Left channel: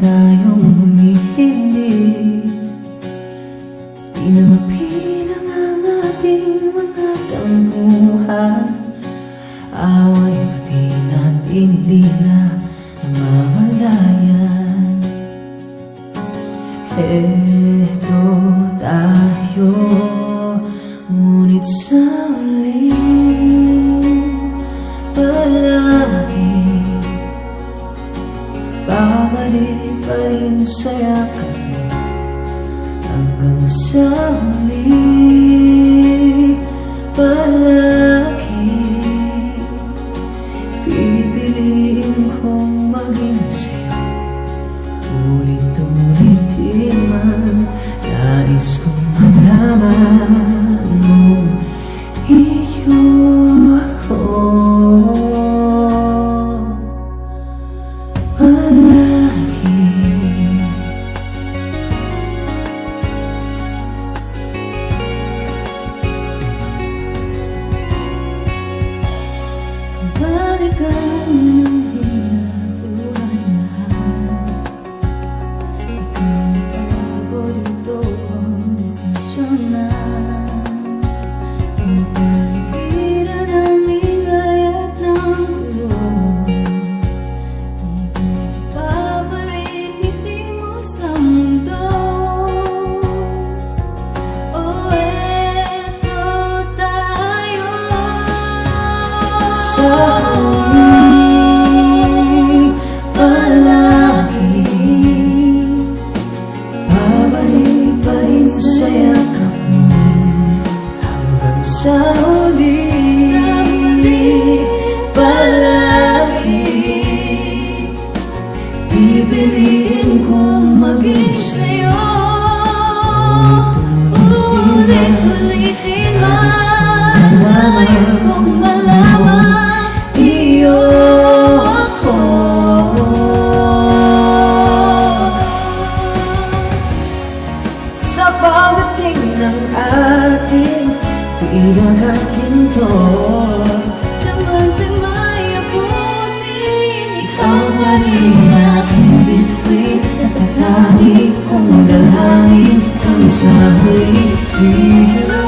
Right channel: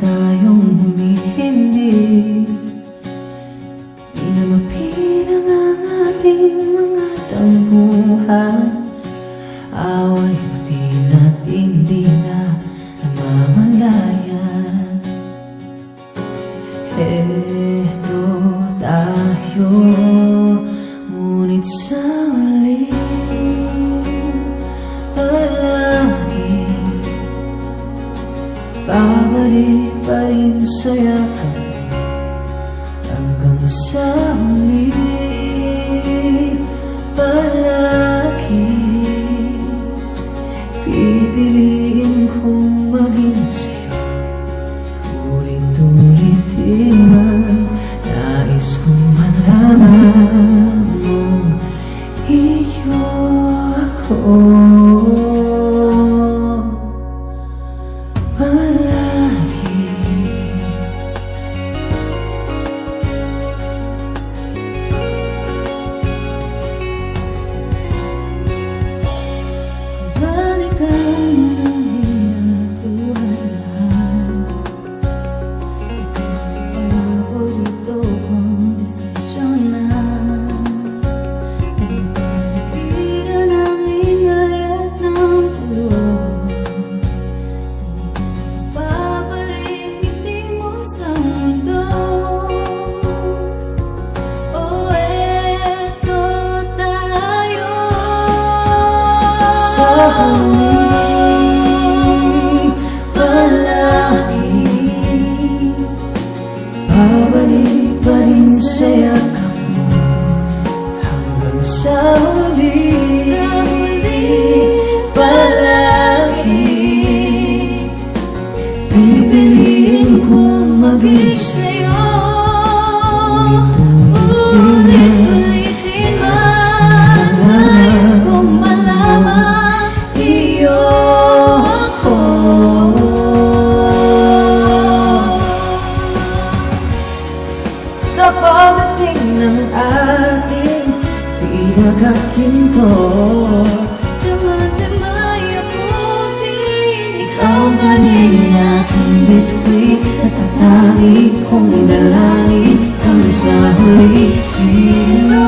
tayong humihindi. Di na mapilang ang ating mga tampuhan. Away pati natin di na namamalayan. Eto tayo, ngunit sa huli palagi babalik pa rin sa yakap mo. Hanggang sa huli palagi pipiliin kong maging sa'yo. Ulit-ulitin man, nais kong malaman mong iyo ako. Balikan mo ng hirap, tuhat lahat. Ikaw ang paborito kong desisyon na pagpaligiran ng ingay at ng gulo. Di ka babalik, ngiti mo sa mundo. Oh, eto tayo sa huli palagi babalik pa rin sa yakap mo. Hanggang sa huli palagi pipiliin kong maging sa'yo. Ulit-ulitin man, nais kong malaman iyo ako. Sa pagdating ng ating bilag at ginto, Diamante may abutin, ikaw pa rin aking bituin. Natatangi kong dalangin kang sa huli siglo.